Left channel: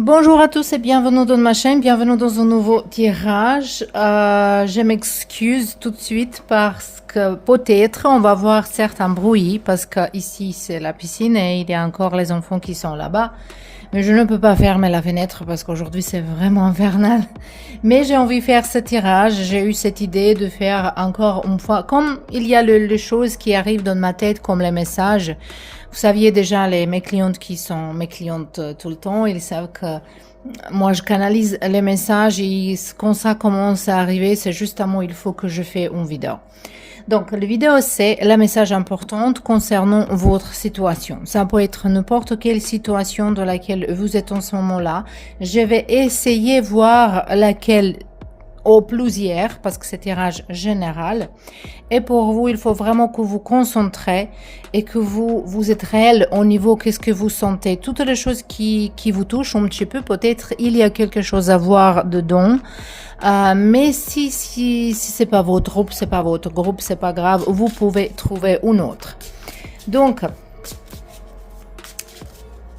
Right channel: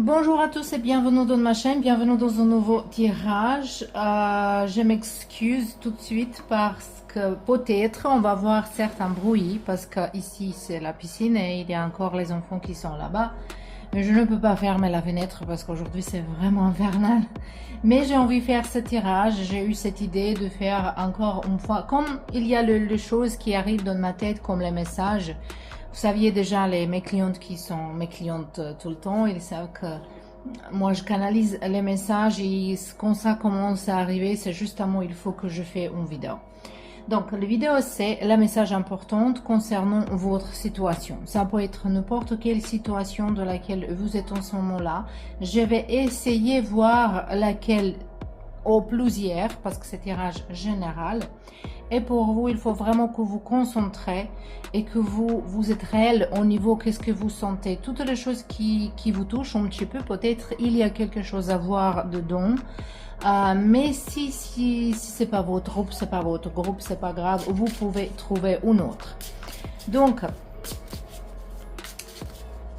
Bonjour à tous et bienvenue dans ma chaîne, bienvenue dans un nouveau tirage. Je m'excuse tout de suite parce que peut-être on va voir certains bruits parce que ici c'est la piscine et il y a encore les enfants qui sont là-bas. Mais je ne peux pas fermer la fenêtre parce qu'aujourd'hui c'est vraiment infernal. Mais j'ai envie de faire ce tirage, j'ai eu cette idée de faire encore une fois, comme il y a les choses qui arrivent dans ma tête comme les messages. Vous saviez déjà, mes clientes qui sont mes clientes tout le temps, ils savent que moi je canalise les messages et quand ça commence à arriver, c'est justement il faut que je fais une vidéo. Donc, la vidéo, c'est le message important concernant votre situation. Ça peut être n'importe quelle situation dans laquelle vous êtes en ce moment-là. Je vais essayer de voir laquelle au plusieurs, parce que c'est tirage général. Et pour vous, il faut vraiment que vous concentrez et que vous êtes réel au niveau qu'est-ce que vous sentez. Toutes les choses qui vous touchent un petit peu, peut-être il y a quelque chose à voir dedans. Mais si c'est pas votre groupe, c'est pas grave, vous pouvez trouver une autre. Donc,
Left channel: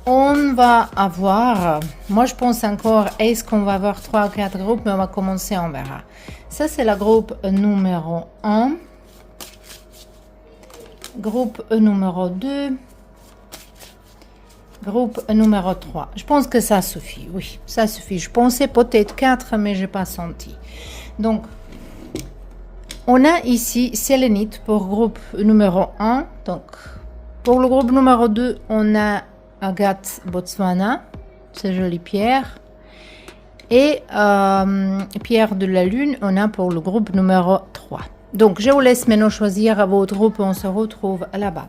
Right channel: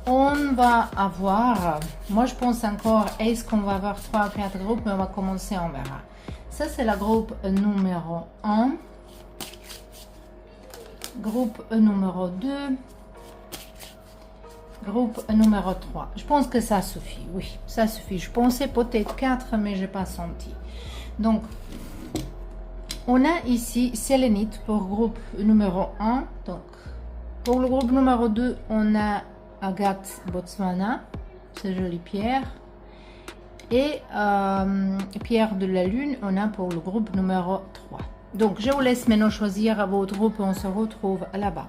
on va avoir, moi je pense encore, est-ce qu'on va avoir 3 ou 4 groupes, mais on va commencer, on verra. Ça c'est le groupe numéro 1, groupe numéro 2, groupe numéro 3. Je pense que ça suffit, oui, ça suffit. Je pensais peut-être 4, mais je n'ai pas senti. Donc, on a ici sélénite pour groupe numéro 1. Donc, pour le groupe numéro 2, on a Agathe Botswana, c'est jolie pierre. Et pierre de la lune, on a pour le groupe numéro 3. Donc, je vous laisse maintenant choisir votre groupe. On se retrouve là-bas.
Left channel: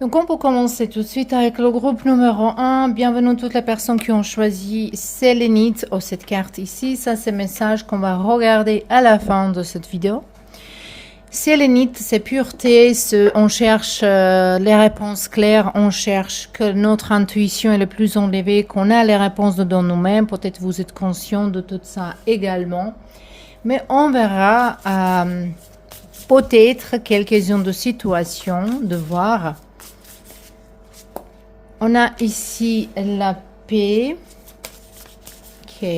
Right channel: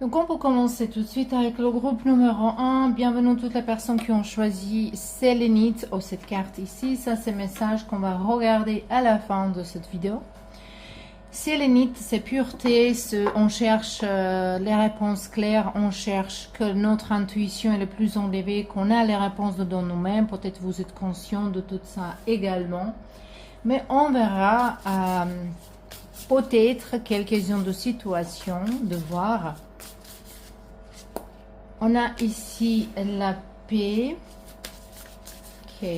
Donc on peut commencer tout de suite avec le groupe numéro 1. Bienvenue toutes les personnes qui ont choisi sélénite ou cette carte ici. Ça c'est le message qu'on va regarder à la fin de cette vidéo. Sélénite, c'est pureté, on cherche les réponses claires, on cherche que notre intuition est le plus enlevée, qu'on a les réponses dedans nous-mêmes. Peut-être vous êtes conscient de tout ça également. Mais on verra peut-être quelques-unes de situations, de voir. On a ici la paix. Ok.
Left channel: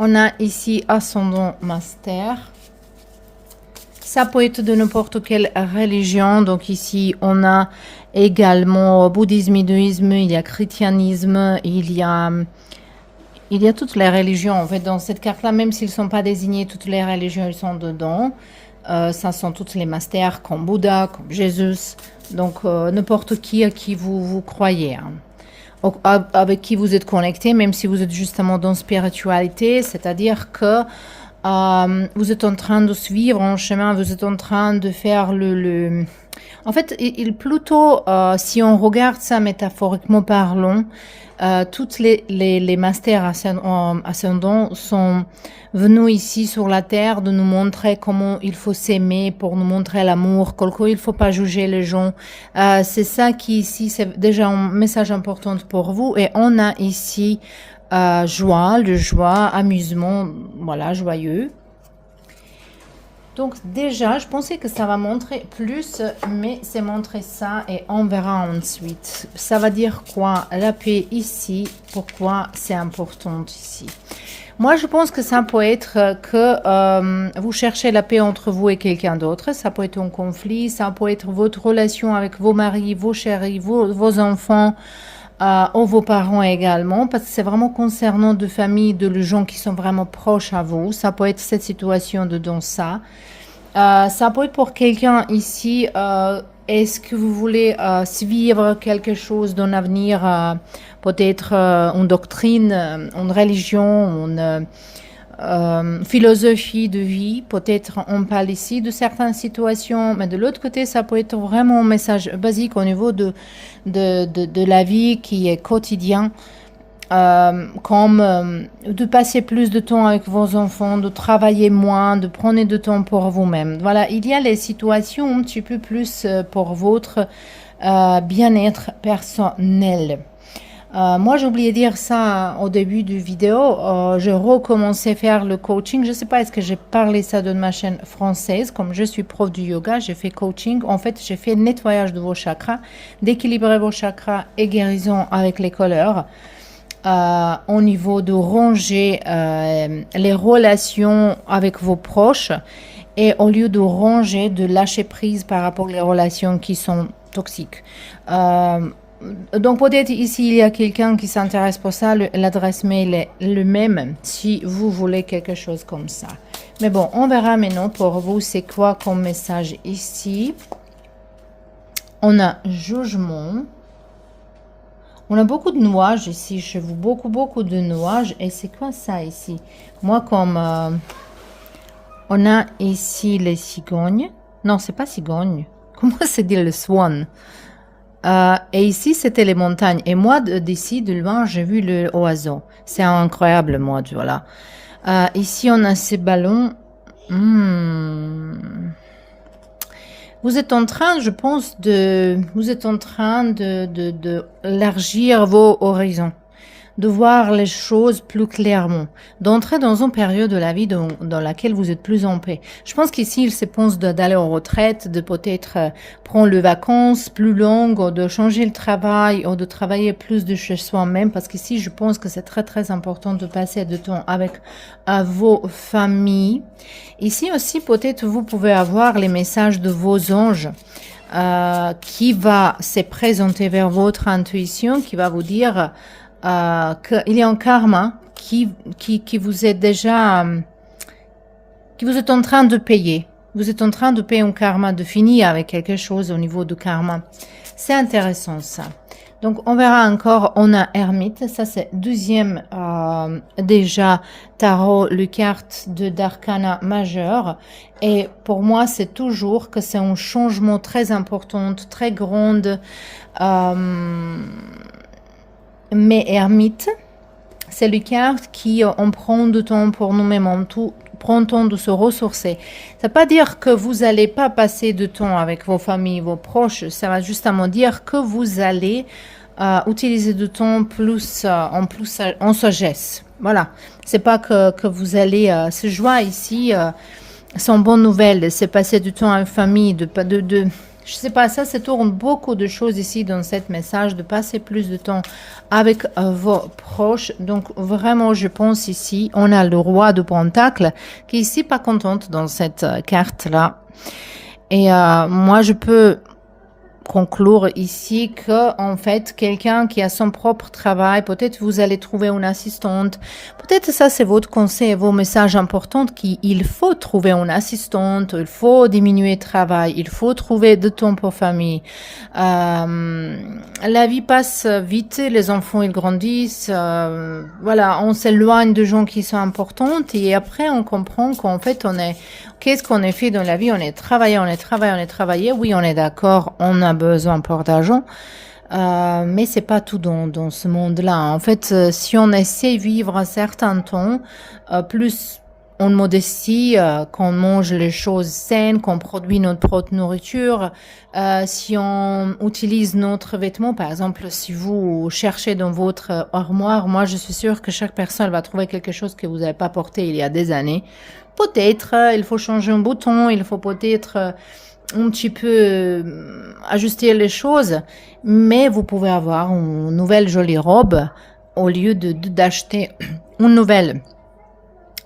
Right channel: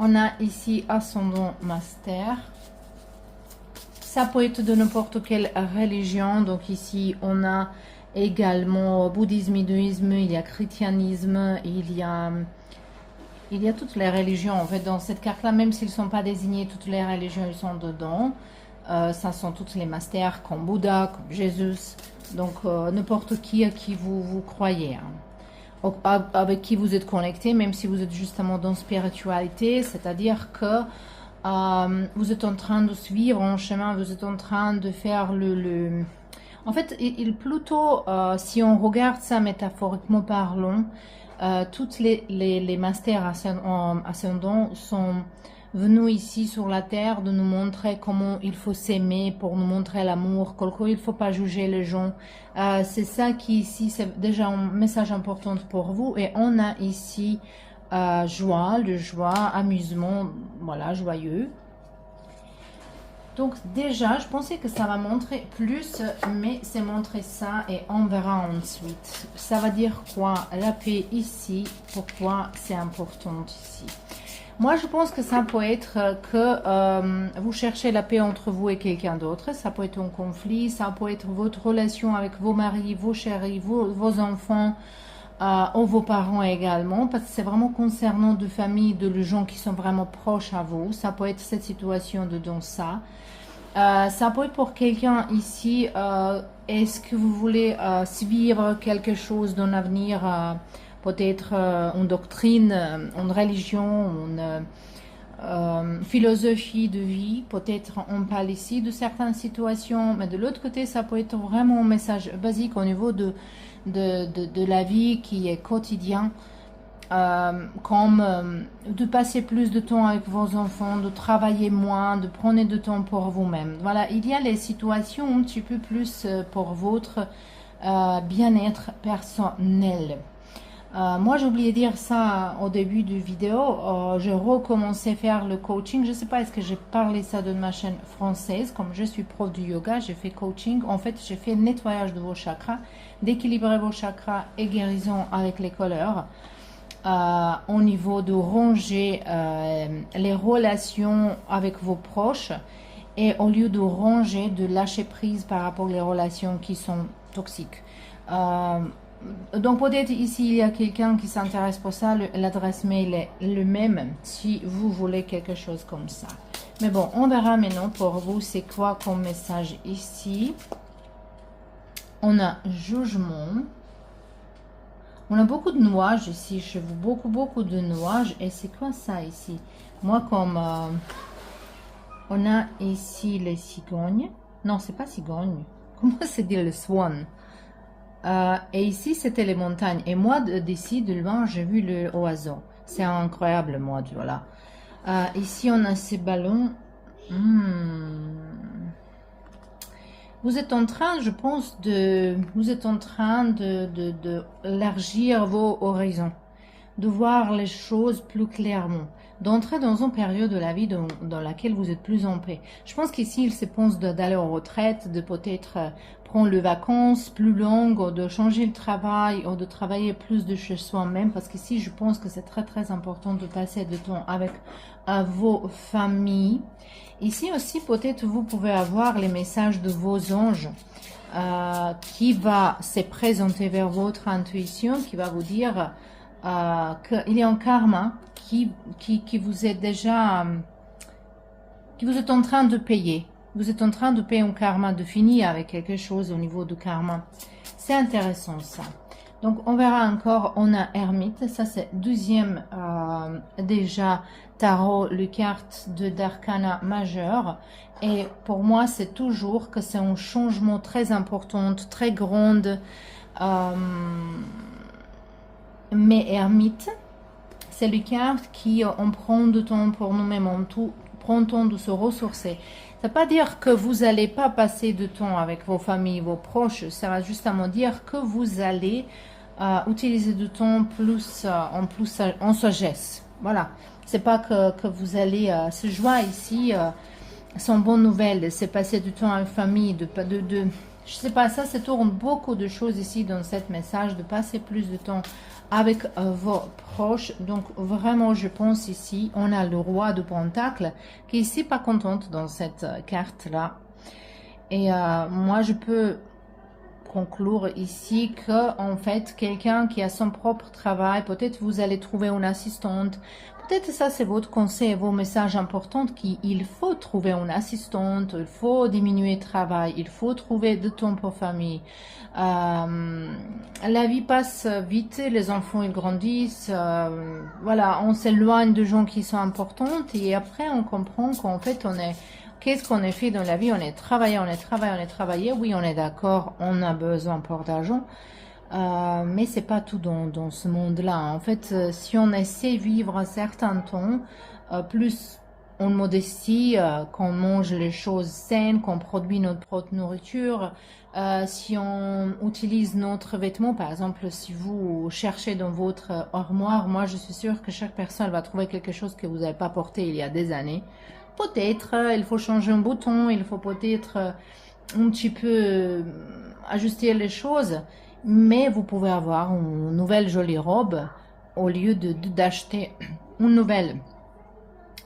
On a ici ascendant master. Ça peut être de n'importe quelle religion. Donc ici, on a également bouddhisme, hindouisme, il y a christianisme, il y a toutes les religions. En fait, dans cette carte-là, même s'ils ne sont pas désignés, toutes les religions, ils sont dedans. Ça sont toutes les masters comme Bouddha, comme Jésus. Donc, n'importe qui à qui vous croyez. Hein. Avec qui vous êtes connecté, même si vous êtes justement dans la spiritualité. C'est-à-dire que vous êtes en train de suivre un chemin, vous êtes en train de faire En fait, plutôt, si on regarde ça métaphoriquement parlant, toutes les masters ascendants sont venus ici sur la terre de nous montrer comment il faut s'aimer, pour nous montrer l'amour, qu'il ne faut pas juger les gens. C'est ça qui ici, c'est déjà un message important pour vous. Et on a ici joie, amusement, voilà, joyeux. Donc déjà, je pensais que ça va montrer plus, mais c'est montrer ça et on verra ensuite. Ça va dire quoi? La paix ici, pourquoi c'est important ici? Moi, je pense que ça peut être que vous cherchez la paix entre vous et quelqu'un d'autre. Ça peut être un conflit, ça peut être votre relation avec vos maris, vos chéris, vos enfants, ou vos parents également, parce que c'est vraiment concernant de familles, de gens qui sont vraiment proches à vous. Ça peut être cette situation dedans ça. Ça peut être pour quelqu'un ici. Est-ce que vous voulez suivre quelque chose dans l'avenir, peut-être une doctrine, une religion, une philosophie de vie? Peut-être on parle ici de certaines situations, mais de l'autre côté, ça peut être vraiment un message basique au niveau de la vie qui est quotidien. Comme de passer plus de temps avec vos enfants, de travailler moins, de prendre du temps pour vous-même. Voilà, il y a les situations un petit peu plus pour votre bien-être personnel. Moi, j'ai oublié de dire ça au début du vidéo. J'ai recommencé à faire le coaching. Je ne sais pas, est-ce que j'ai parlé ça dans ma chaîne française. Comme je suis prof du yoga, j'ai fait coaching. En fait, j'ai fait nettoyage de vos chakras, d'équilibrer vos chakras et guérison avec les couleurs. Au niveau de ranger les relations avec vos proches et au lieu de ranger, de lâcher prise par rapport aux relations qui sont toxiques. Donc peut-être ici il y a quelqu'un qui s'intéresse pour ça, l'adresse mail est le même si vous voulez quelque chose comme ça. Mais bon, on verra maintenant pour vous c'est quoi comme message ici. On a jugement. On a beaucoup de nuages ici chez vous, beaucoup de nuages. Et c'est quoi ça ici? Moi, comme on a ici les cigognes. Non, c'est pas cigogne. Comment se dit le swan? Et ici, c'était les montagnes. Et moi, d'ici, de loin, j'ai vu le oiseau. C'est incroyable, moi, voilà. Ici, on a ces ballons. Vous êtes en train, je pense, vous êtes en train de élargir vos horizons, de voir les choses plus clairement, d'entrer dans une période de la vie dans laquelle vous êtes plus en paix. Je pense qu'ici, il se pense d'aller en retraite, de peut-être prendre les vacances plus longues, ou de changer le travail, ou de travailler plus de chez soi-même, parce qu'ici, je pense que c'est très important de passer du temps avec vos familles. Ici aussi, peut-être vous pouvez avoir les messages de vos anges qui va se présenter vers votre intuition, qui va vous dire qu'il y a un karma qui vous est déjà, qui vous êtes en train de payer. Vous êtes en train de payer un karma, de finir avec quelque chose au niveau du karma. C'est intéressant ça. Donc, on verra encore, on a Ermite, ça c'est deuxième déjà tarot, le carte de d'arcana majeur. Et pour moi, c'est toujours que c'est un changement très important, très grand. Mais Ermite, c'est le carte qui on prend du temps pour nous-mêmes, on prend le temps de se ressourcer. Ça ne veut pas dire que vous n'allez pas passer de temps avec vos familles, vos proches. Ça va justement dire que vous allez utiliser du temps plus en sagesse. Voilà. C'est pas que vous allez se joindre ici. Sans bonne nouvelle, c'est passer du temps en famille, je sais pas, ça se tourne beaucoup de choses ici dans ce message, de passer plus de temps avec vos proches. Donc vraiment, je pense ici, on a le roi de Pentacle qui est ici pas contente dans cette carte-là. Et moi, je peux conclure ici que en fait quelqu'un qui a son propre travail, peut-être vous allez trouver une assistante, peut-être ça c'est votre conseil, vos messages importants qu'il faut trouver une assistante, il faut diminuer le travail, il faut trouver de temps pour famille. La vie passe vite, les enfants ils grandissent, voilà, on s'éloigne de gens qui sont importants et après on comprend qu'en fait qu'est-ce qu'on a fait dans la vie? On est travaillé. Oui, on est d'accord, on a besoin pour d'argent. Mais c'est pas tout dans ce monde-là. En fait, si on essaie de vivre un certain temps, plus en modestie, qu'on mange les choses saines, qu'on produit notre propre nourriture, si on utilise notre vêtement, par exemple, si vous cherchez dans votre armoire, moi je suis sûre que chaque personne va trouver quelque chose que vous n'avez pas porté il y a des années. Peut-être, il faut changer un bouton, il faut peut-être un petit peu ajuster les choses, mais vous pouvez avoir une nouvelle jolie robe au lieu d'acheter une nouvelle.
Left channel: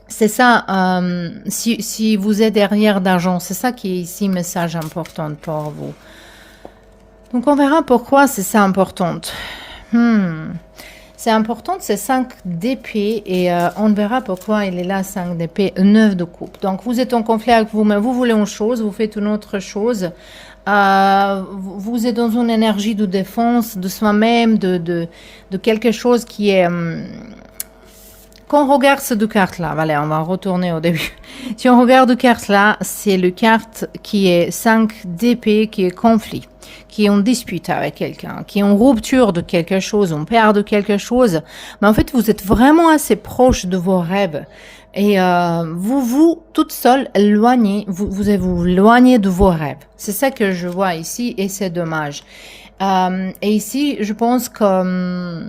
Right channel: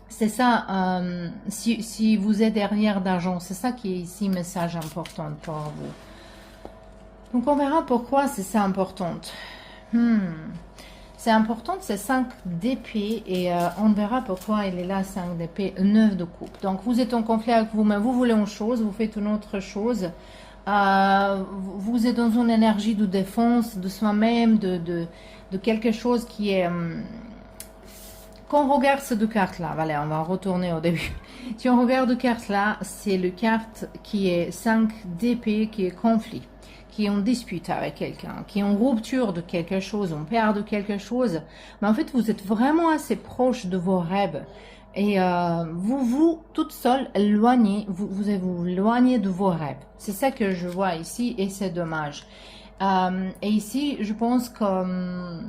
C'est ça, si vous êtes derrière d'argent, c'est ça qui est ici message important pour vous. Donc on verra pourquoi c'est ça important. C'est important, c'est 5 d'épée et on verra pourquoi il est là 5 d'épée, 9 de coupe. Donc vous êtes en conflit avec vous-même, vous voulez une chose, vous faites une autre chose. Vous êtes dans une énergie de défense de soi-même, de quelque chose qui est... quand on regarde ces deux cartes-là, voilà, on va retourner au début. Si on regarde deux cartes-là, c'est le carte qui est 5 d'épée, qui est conflit, qui est en dispute avec quelqu'un, qui est en rupture de quelque chose, on perd de quelque chose. Mais en fait, vous êtes vraiment assez proche de vos rêves. Et vous, toute seule, éloignez, vous éloignez de vos rêves. C'est ça que je vois ici et c'est dommage. Et ici, je pense que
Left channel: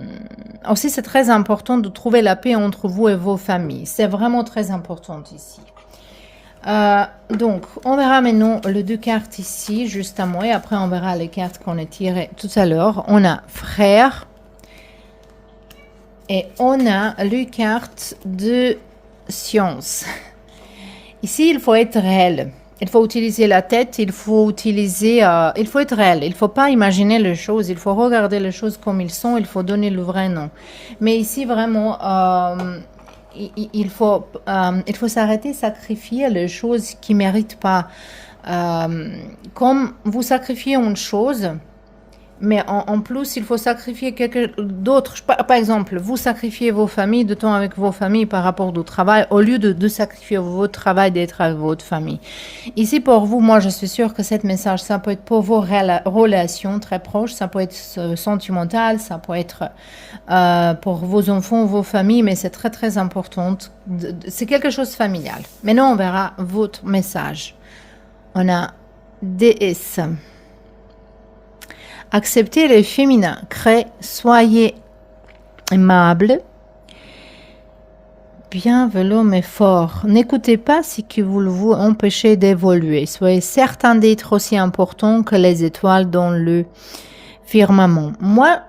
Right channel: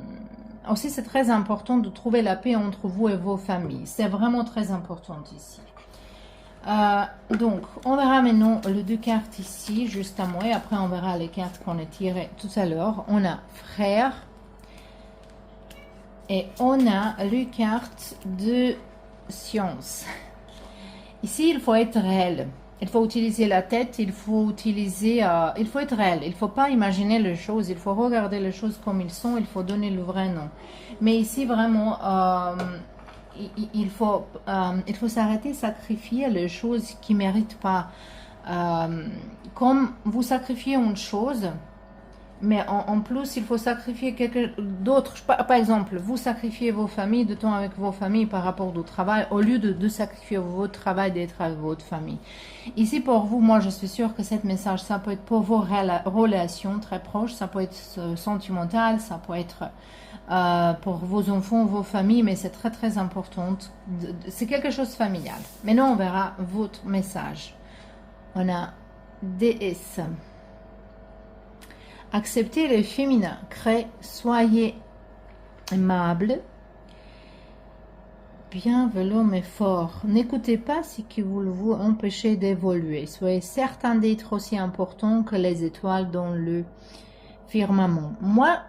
aussi c'est très important de trouver la paix entre vous et vos familles. C'est vraiment très important ici. Donc, on verra maintenant les deux cartes ici, justement, et après on verra les cartes qu'on a tirées tout à l'heure. On a frère et on a les cartes de science. Ici, il faut être réel. Il faut utiliser la tête, il faut utiliser, il faut être réel. Il ne faut pas imaginer les choses, il faut regarder les choses comme ils sont, il faut donner le vrai nom. Mais ici, vraiment, il faut s'arrêter, sacrifier les choses qui ne méritent pas. Comme vous sacrifiez une chose, mais en plus, il faut sacrifier quelque d'autre. Par exemple, vous sacrifiez vos familles, de temps avec vos familles par rapport au travail, au lieu de sacrifier votre travail, d'être avec votre famille. Ici, pour vous, moi, je suis sûre que ce message, ça peut être pour vos relations très proches, ça peut être sentimental, ça peut être pour vos enfants, vos familles, mais c'est très, très important. C'est quelque chose de familial. Maintenant, on verra votre message. On a DS. Acceptez le féminin, créez, soyez aimable, bienveillant mais fort. N'écoutez pas ce qui vous empêche d'évoluer. Soyez certain d'être aussi important que les étoiles dans le firmament. Moi,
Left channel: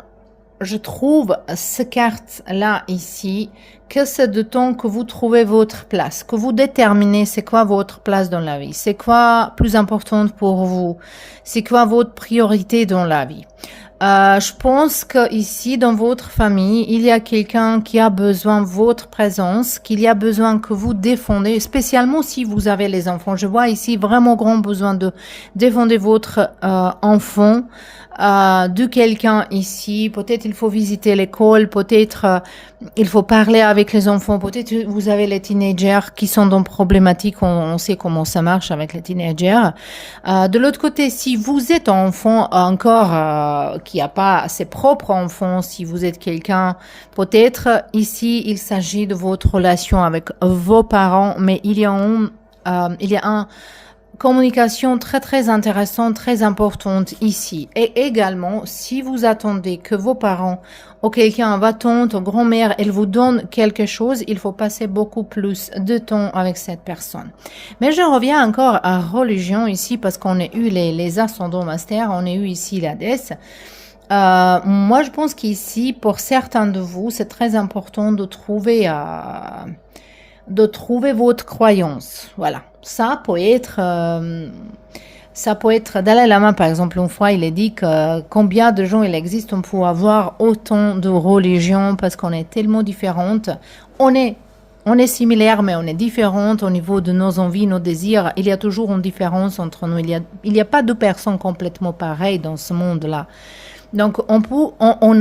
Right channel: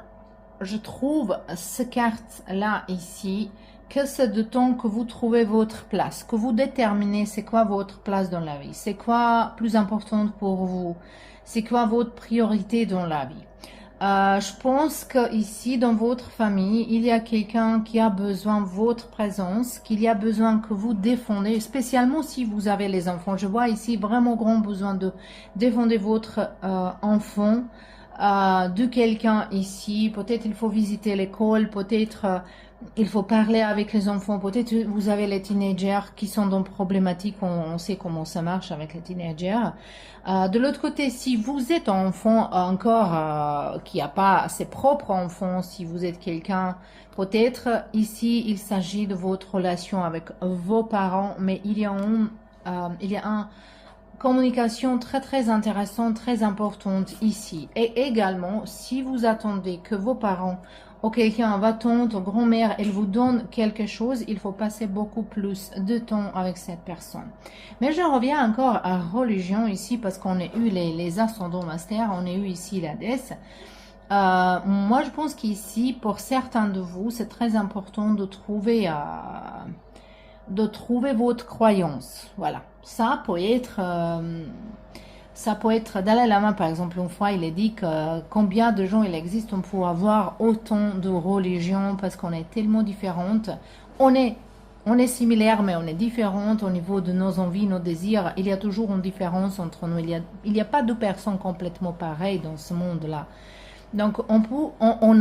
je trouve cette carte-là ici, que c'est de temps que vous trouvez votre place, que vous déterminez c'est quoi votre place dans la vie, c'est quoi plus important pour vous, c'est quoi votre priorité dans la vie. Je pense que ici dans votre famille, il y a quelqu'un qui a besoin de votre présence, qu'il y a besoin que vous défendez, spécialement si vous avez les enfants. Je vois ici vraiment grand besoin de défendre votre enfant. De quelqu'un ici, peut-être il faut visiter l'école, peut-être il faut parler avec les enfants, peut-être vous avez les teenagers qui sont dans problématique, on sait comment ça marche avec les teenagers. De l'autre côté, si vous êtes un enfant encore qui n'a pas ses propres enfants, si vous êtes quelqu'un, peut-être ici il s'agit de votre relation avec vos parents, mais il y a un communication très très intéressante, très importante ici. Et également, si vous attendez que vos parents ou quelqu'un, votre tante ou grand-mère, elle vous donne quelque chose, il faut passer beaucoup plus de temps avec cette personne. Mais je reviens encore à religion ici parce qu'on a eu les ascendants masters, on a eu ici la déesse. Moi, je pense qu'ici, pour certains de vous, c'est très important de trouver votre croyance. Voilà. Ça peut être Dalai Lama, par exemple, une fois, il a dit que combien de gens il existe pour avoir autant de religions parce qu'on est tellement différentes. On est similaires, mais on est différentes au niveau de nos envies, nos désirs. Il y a toujours une différence entre nous. Il y a pas deux personnes complètement pareilles dans ce monde-là. Donc, on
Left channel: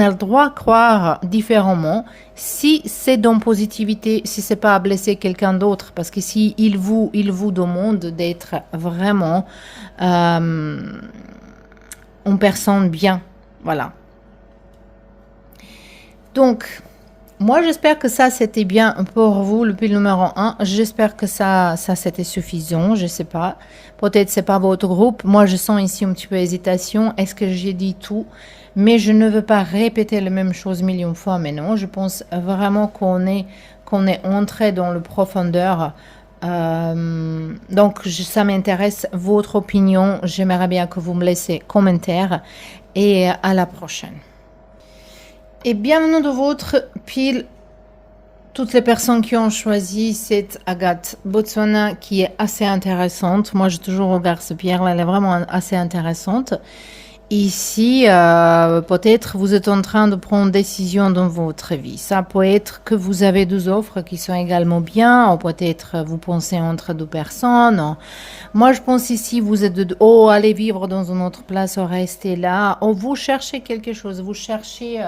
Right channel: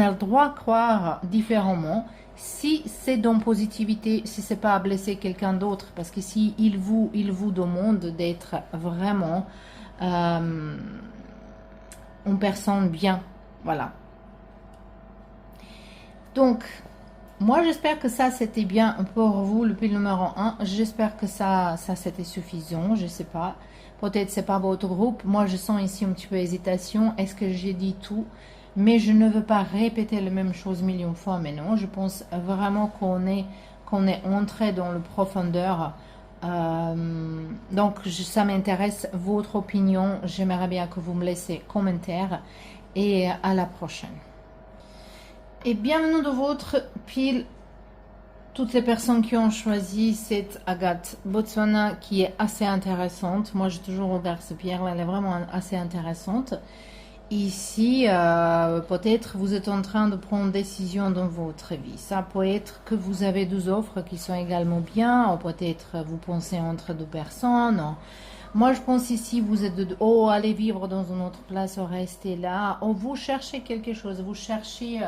a le droit de croire différemment si c'est dans positivité, si c'est pas à blesser quelqu'un d'autre, parce que si il vous demande d'être vraiment une personne bien, voilà. Donc, moi, j'espère que ça, c'était bien pour vous, le pile numéro 1. J'espère que ça c'était suffisant, je sais pas. Peut-être c'est pas votre groupe. Moi, je sens ici un petit peu d'hésitation. Est-ce que j'ai dit tout? Mais je ne veux pas répéter la même chose millions de fois. Mais non, je pense vraiment qu'on est entré dans le profondeur. Donc, ça m'intéresse, votre opinion. J'aimerais bien que vous me laissiez commentaire. Et à la prochaine. Et bienvenue de votre pile, toutes les personnes qui ont choisi cette agate Botswana qui est assez intéressante. Moi, j'ai toujours regardé cette pierre-là, elle est vraiment assez intéressante. Ici, peut-être vous êtes en train de prendre une décision dans votre vie. Ça peut être que vous avez deux offres qui sont également bien, ou peut-être vous pensez entre deux personnes. Moi, je pense ici, vous êtes oh, allez vivre dans une autre place, ou restez là. Ou vous cherchez quelque chose, vous cherchez...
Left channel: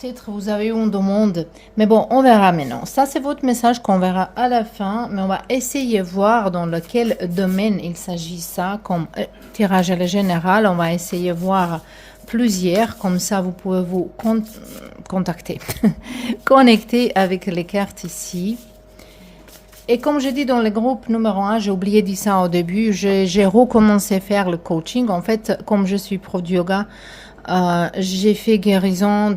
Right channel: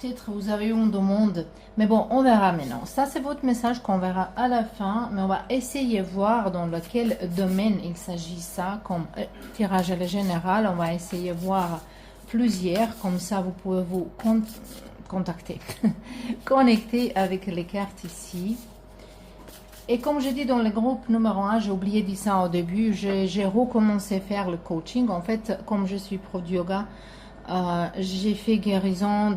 peut-être vous avez une demande, mais bon, on verra maintenant. Ça, c'est votre message qu'on verra à la fin, mais on va essayer de voir dans lequel domaine il s'agit ça, comme tirage à la générale. On va essayer de voir plusieurs, comme ça vous pouvez vous contacter, connecter avec les cartes ici. Et comme je dis dans le groupe numéro 1, j'ai oublié de dire ça au début, j'ai recommencé à faire le coaching. En fait, comme je suis prof de yoga, j'ai fait guérison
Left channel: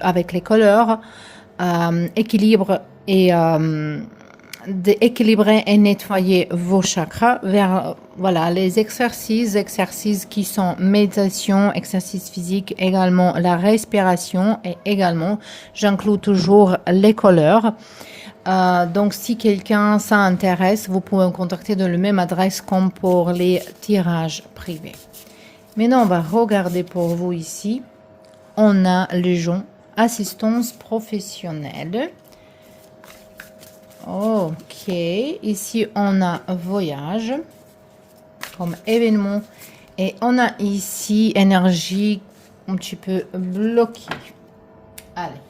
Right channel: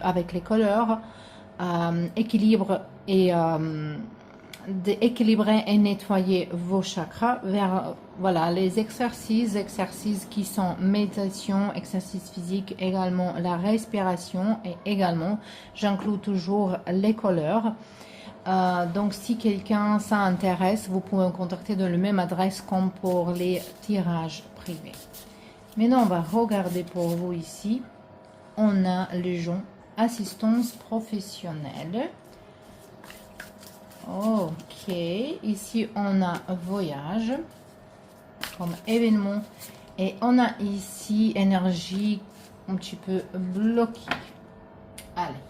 avec les couleurs, équilibre et d'équilibrer et nettoyer vos chakras vers voilà, les exercices qui sont méditation, exercices physiques, également la respiration et également, j'inclus toujours les couleurs. Donc, si quelqu'un s'intéresse, vous pouvez me contacter dans la même adresse comme pour les tirages privés. Maintenant, on va regarder pour vous ici. On a les gens assistance professionnelle. Ok. Ici, on a voyage comme événement. Et on a ici énergie un petit peu bloquée. Allez.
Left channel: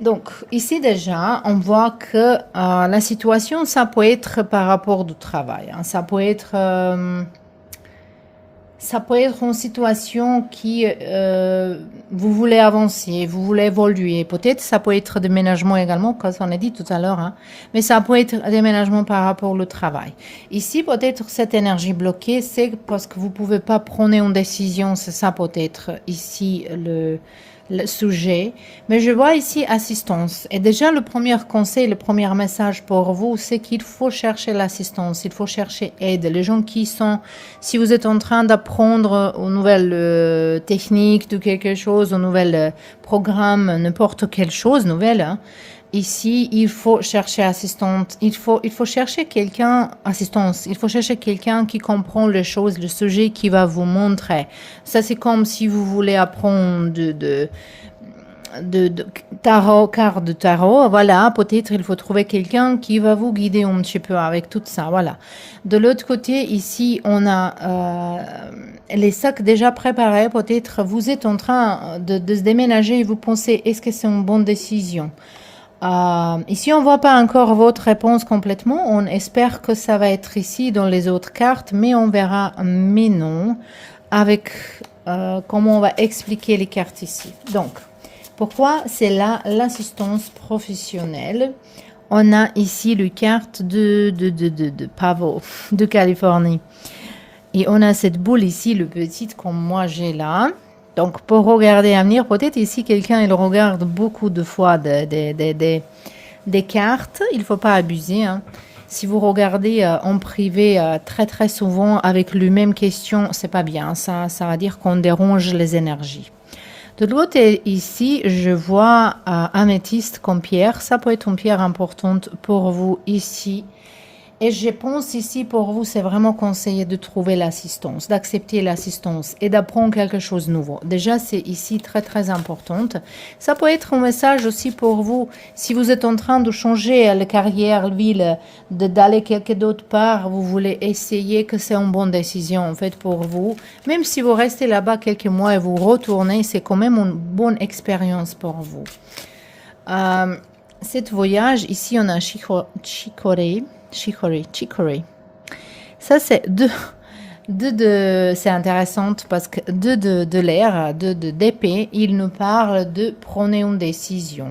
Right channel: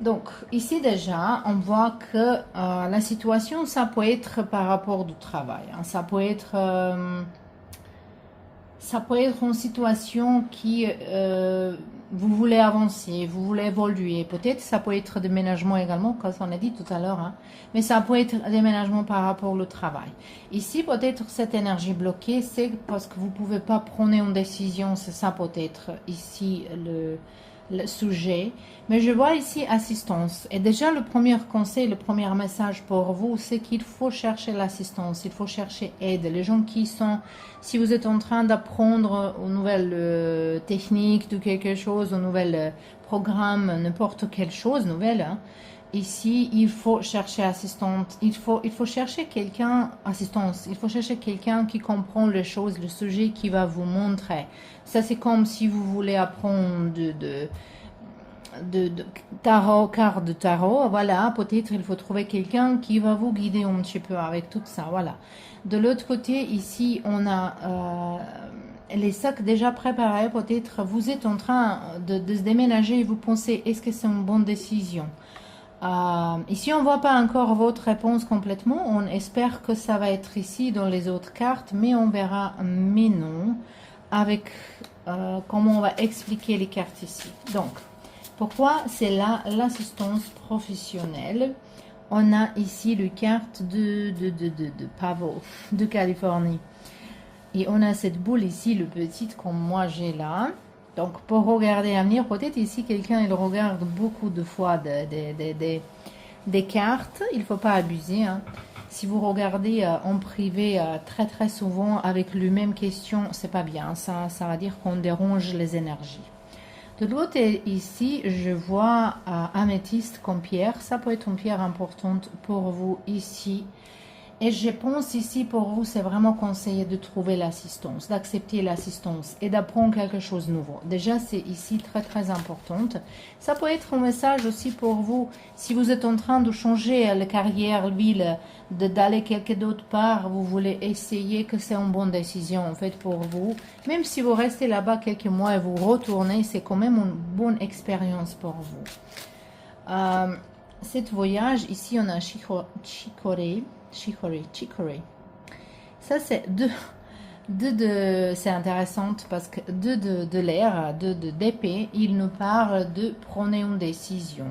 Donc, ici déjà, on voit que la situation, ça peut être par rapport au travail. Hein. Ça peut être une situation qui, vous voulez avancer, vous voulez évoluer. Peut-être ça peut être déménagement également, comme on a dit tout à l'heure. Hein. Mais ça peut être déménagement par rapport au travail. Ici, peut-être cette énergie bloquée, c'est parce que vous ne pouvez pas prendre une décision. C'est ça peut-être ici le sujet, mais je vois ici assistance. Et déjà, le premier conseil, le premier message pour vous, c'est qu'il faut chercher l'assistance, il faut chercher aide. Les gens qui sont, si vous êtes en train d'apprendre une nouvelle technique de quelque chose, un nouvel programme, n'importe quelle chose nouvelle, hein, ici, il faut chercher assistante, il faut chercher quelqu'un, assistance, il faut chercher quelqu'un qui comprend les choses, le sujet qui va vous montrer. Ça, c'est comme si vous voulez apprendre de tarot, carte de tarot, voilà, peut-être il faut trouver quelqu'un qui va vous guider un petit peu avec tout ça, voilà. De l'autre côté, ici, on a les sacs déjà préparés, peut-être vous êtes en train de se déménager et vous pensez, est-ce que c'est une bonne décision? Ici, on ne voit pas encore votre réponse complètement. On espère que ça va être ici dans les autres cartes, mais on verra mais non avec comment on va expliquer les cartes ici. Donc, pourquoi c'est là l'assistance professionnelle? On a ici les cartes de Pavo, de Californie. Et on a cette boule ici, le petit comme moi j'ai là. Donc, pour regarder à venir, peut-être ici, quelqu'un, il regarde beaucoup de fois des cartes. Il ne faut pas abuser. Hein. Si vous regardez en privé très, très souvent avec la même question, c'est pas bien. Ça va dire qu'on dérange les énergies. De l'autre ici, je vois améthyste comme pierre. Ça peut être une pierre importante pour vous ici. Et je pense ici pour vous, c'est vraiment conseillé de trouver l'assistance, d'accepter l'assistance et d'apprendre quelque chose de nouveau. Déjà, c'est ici très, très importante. Ça peut être un message aussi pour vous, si vous êtes en train de changer la carrière, la ville, d'aller quelque d'autre part, vous voulez essayer que c'est une bonne décision en fait pour vous. Même si vous restez là-bas quelques mois et vous retournez, c'est quand même une bonne expérience pour vous. Cet voyage, ici, on a Chicorée. Ça, c'est c'est intéressant parce que de l'air, d'épée, il nous parle de prendre une décision.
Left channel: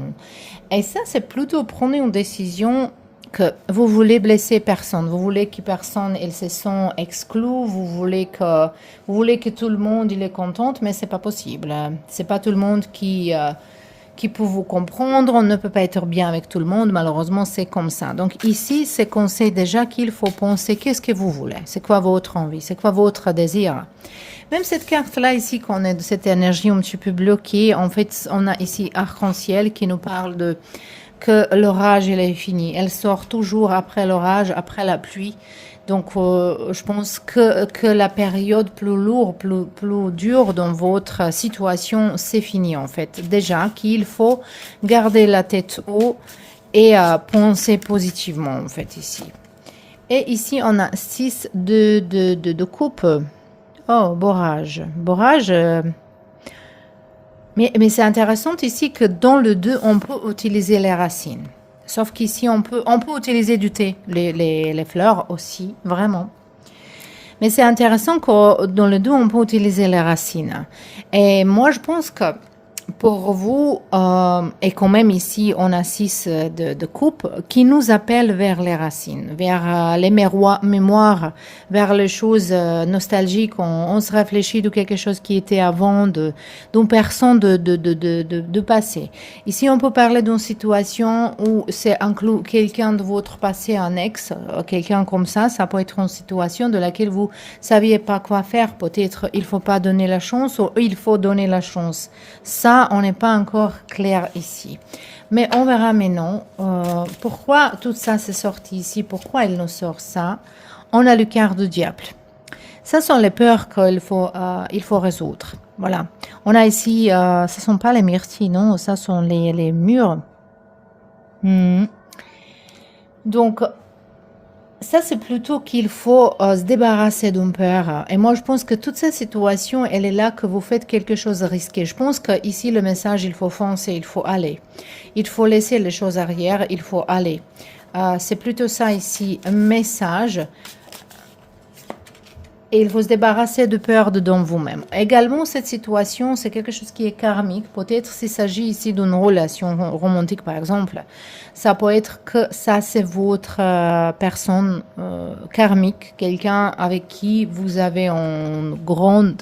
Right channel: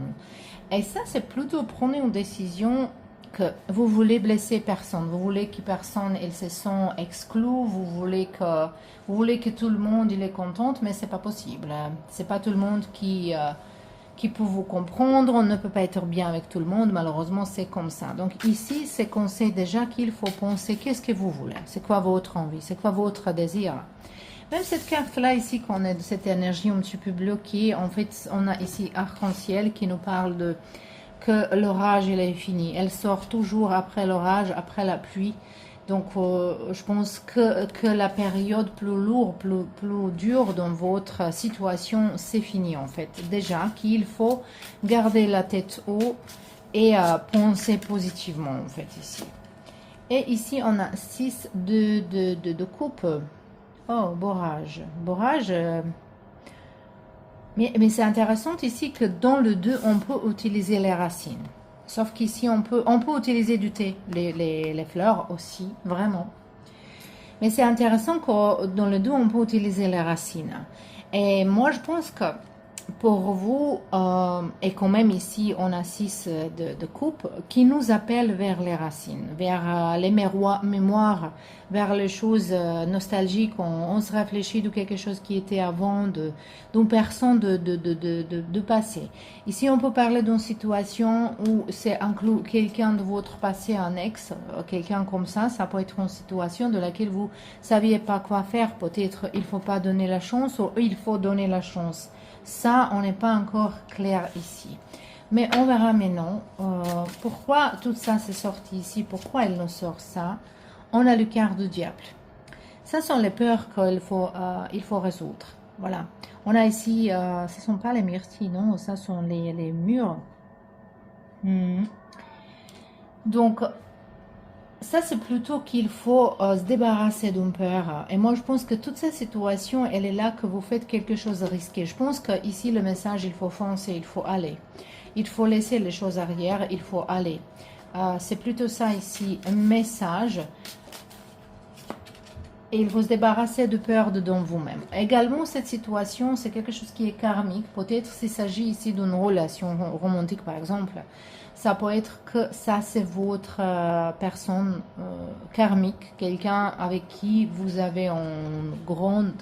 Et ça, c'est plutôt prendre une décision que vous voulez blesser personne. Vous voulez que personne, ils se sent exclus. Vous voulez que tout le monde, il est content, mais c'est pas possible. C'est pas tout le monde qui peut vous comprendre, on ne peut pas être bien avec tout le monde, malheureusement c'est comme ça. Donc ici, c'est qu'on sait déjà qu'il faut penser qu'est-ce que vous voulez, c'est quoi votre envie, c'est quoi votre désir. Même cette carte-là ici, qu'on a de cette énergie un petit peu bloquée, en fait, on a ici arc-en-ciel qui nous parle de que l'orage, il est fini. Elle sort toujours après l'orage, après la pluie. Donc, je pense que la période plus lourde, plus dure dans votre situation, c'est fini en fait. Déjà qu'il faut garder la tête haut et penser positivement en fait ici. Et ici, on a 6 de coupe. Oh, borrage. Borrage. Mais c'est intéressant ici que dans le 2, on peut utiliser les racines. Sauf qu'ici, on peut utiliser du thé, les fleurs aussi, vraiment. Mais c'est intéressant que dans le 2, on peut utiliser les racines. Et moi, je pense que pour vous, et quand même ici, on a 6 de coupe qui nous appellent vers les racines, vers les mémoires, vers les choses nostalgiques. On se réfléchit de quelque chose qui était avant, d'une personne de passé. Ici, on peut parler d'une situation où c'est inclus quelqu'un de votre passé, un ex, quelqu'un comme ça. Ça peut être une situation de laquelle vous saviez pas quoi faire. Peut-être il faut pas donner la chance ou il faut donner la chance. Ça, on n'est pas encore clair ici. Mais on verra maintenant pourquoi tout ça s'est sorti ici, pourquoi il nous sort ça. On a le quart du diable. Ça sont les peurs qu'il faut résoudre. Voilà. On a ici, ce ne sont pas les myrtilles, non, ça sont les murs. Donc, ça, c'est plutôt qu'il faut se débarrasser d'une peur. Et moi, je pense que toute cette situation, elle est là que vous faites quelque chose de risqué. Je pense qu'ici, le message, il faut foncer, il faut aller. Il faut laisser les choses arrière, il faut aller. C'est plutôt ça ici, un message. Et il faut se débarrasser de peur dedans vous-même. Également, cette situation, c'est quelque chose qui est karmique. Peut-être s'il s'agit ici d'une relation romantique, par exemple. Ça peut être que ça, c'est votre personne karmique, quelqu'un avec qui vous avez une grande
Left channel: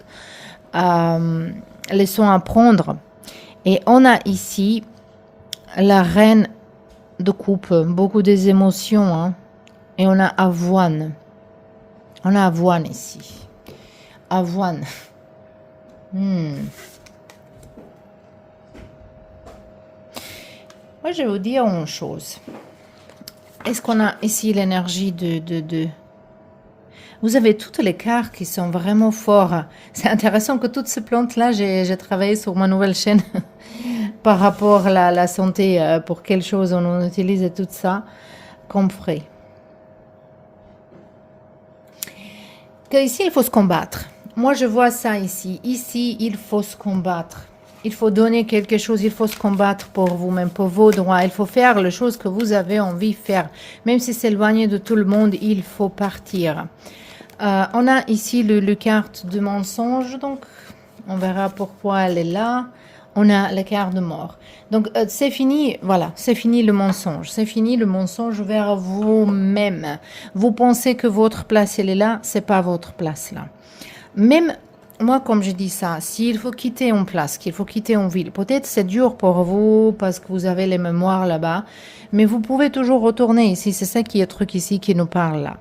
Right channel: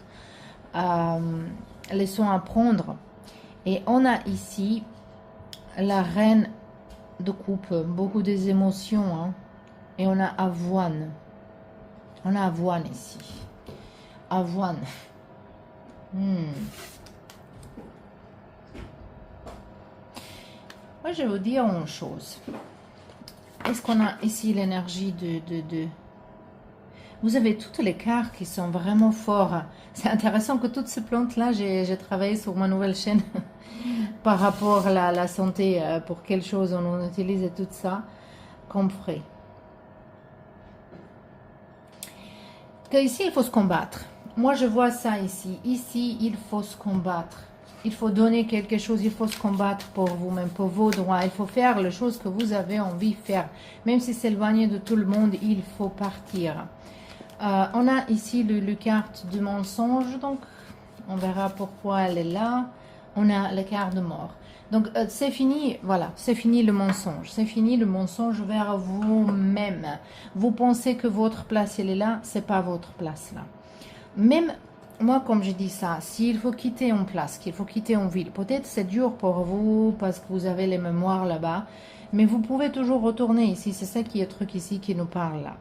leçon à prendre. Et on a ici la reine de coupe, beaucoup des émotions. Hein. Et on a avoine. On a avoine ici. Avoine. Moi, je vais vous dire une chose. Est-ce qu'on a ici l'énergie de... Vous avez toutes les cartes qui sont vraiment forts. C'est intéressant que toutes ces plantes-là, j'ai travaillé sur ma nouvelle chaîne par rapport à la santé, pour quelle chose on utilise et tout ça comme frais. Ici, il faut se combattre. Moi, je vois ça ici. Ici, il faut se combattre. Il faut donner quelque chose. Il faut se combattre pour vous-même, pour vos droits. Il faut faire les choses que vous avez envie de faire. Même si c'est éloigné de tout le monde, il faut partir. On a ici le carte de mensonge. Donc, on verra pourquoi elle est là. On a la carte de mort. Donc, c'est fini, voilà, c'est fini le mensonge. C'est fini le mensonge vers vous-même. Vous pensez que votre place, elle est là, c'est pas votre place là. Même, moi, comme je dis ça, s'il faut quitter une place, qu'il faut quitter une ville, peut-être c'est dur pour vous parce que vous avez les mémoires là-bas, mais vous pouvez toujours retourner ici. C'est ça qui est le truc ici qui nous parle là.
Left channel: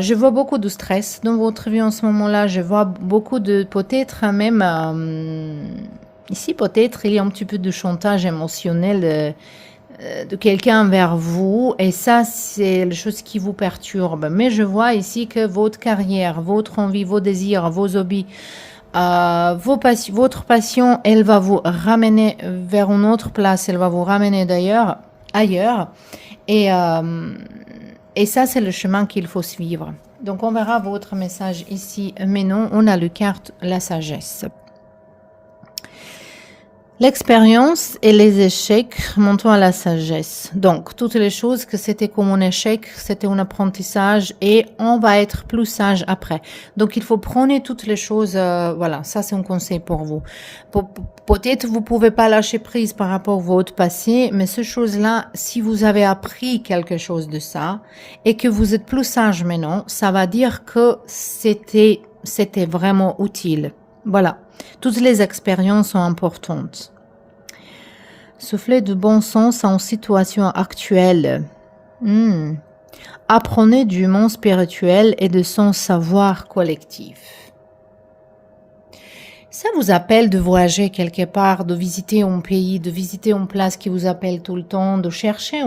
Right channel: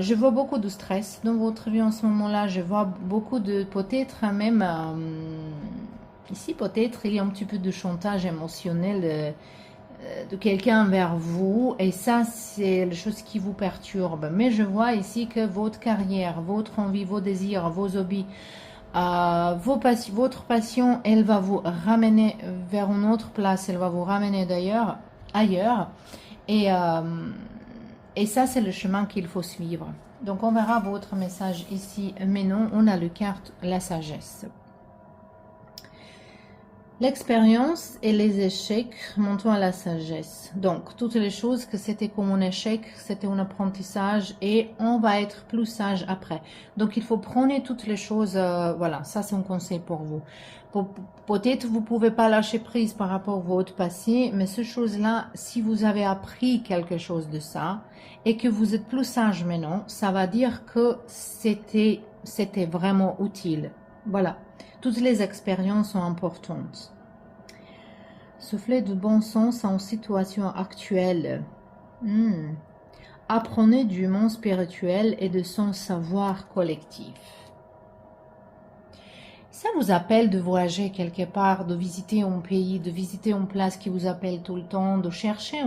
Je vois beaucoup de stress dans votre vie en ce moment-là. Je vois beaucoup de, peut-être même... ici, peut-être, il y a un petit peu de chantage émotionnel de quelqu'un vers vous. Et ça, c'est la chose qui vous perturbe. Mais je vois ici que votre carrière, votre envie, vos désirs, vos hobbies, votre passion, elle va vous ramener vers une autre place. Elle va vous ramener d'ailleurs, ailleurs. Et ça, c'est le chemin qu'il faut suivre. Donc, on verra votre message ici. Mais non, on a le carte, la sagesse. L'expérience et les échecs montrent à la sagesse. Donc, toutes les choses que c'était comme un échec, c'était un apprentissage et on va être plus sage après. Donc, il faut prendre toutes les choses, voilà, ça c'est un conseil pour vous. Peut-être vous pouvez pas lâcher prise par rapport à votre passé, mais ces choses-là, si vous avez appris quelque chose de ça et que vous êtes plus sage maintenant, ça va dire que c'était vraiment utile. Voilà. Toutes les expériences sont importantes. Soufflez de bon sens en situation actuelle. Apprenez du monde spirituel et de son savoir collectif. Ça vous appelle de voyager quelque part, de visiter un pays, de visiter une place qui vous appelle tout le temps, de chercher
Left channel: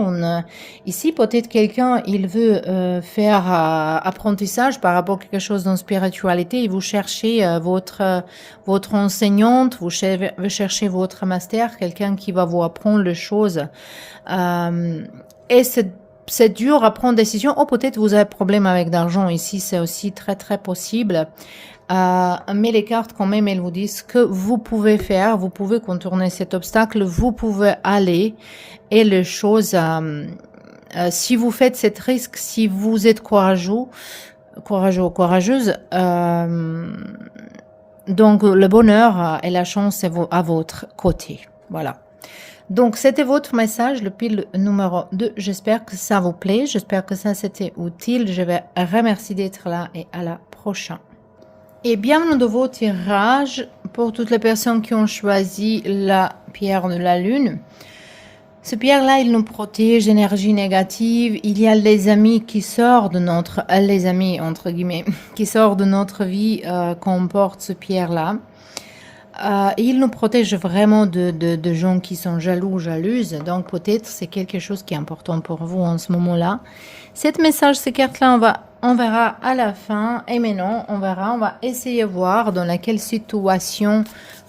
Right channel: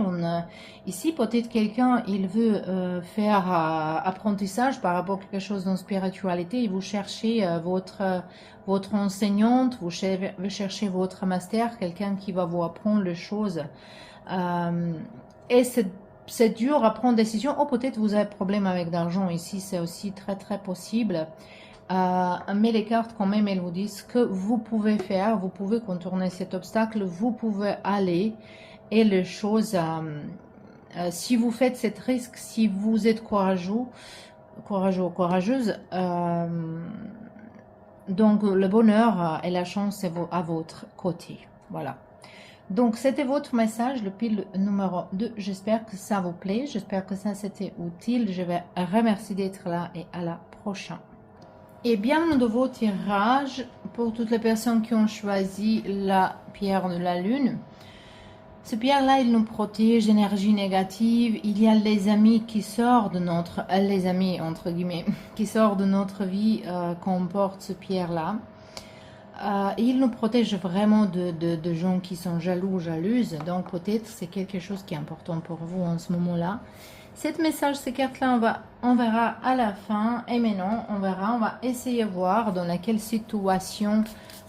ici, peut-être quelqu'un, il veut faire apprentissage par rapport à quelque chose dans spiritualité et vous cherchez votre enseignante, vous cherchez votre master, quelqu'un qui va vous apprendre les choses. Et c'est dur à prendre décision. Oh, peut-être vous avez problème avec l'argent ici, c'est aussi très très possible. Mais les cartes quand même, elles vous disent que vous pouvez faire, vous pouvez contourner cet obstacle, vous pouvez aller et les choses, si vous faites cet risque, si vous êtes courageuse, donc le bonheur et la chance est à votre côté. Voilà. Donc, c'était votre message, le pile numéro 2. J'espère que ça vous plaît. J'espère que ça c'était utile. Je vais remercier d'être là et à la prochaine. Et bienvenue de vos tirages pour toutes les personnes qui ont choisi la pierre de la lune. Ce pierre-là, il nous protège d'énergie négative. Il y a les amis qui sortent de notre... les amis, entre guillemets, qui sortent de notre vie qu'on porte ce pierre-là. Il nous protège vraiment de gens qui sont jaloux, jalouses. Donc peut-être c'est quelque chose qui est important pour vous en ce moment-là. Cet message, ces cartes-là, on verra à la fin. Et maintenant, on va essayer de voir dans laquelle situation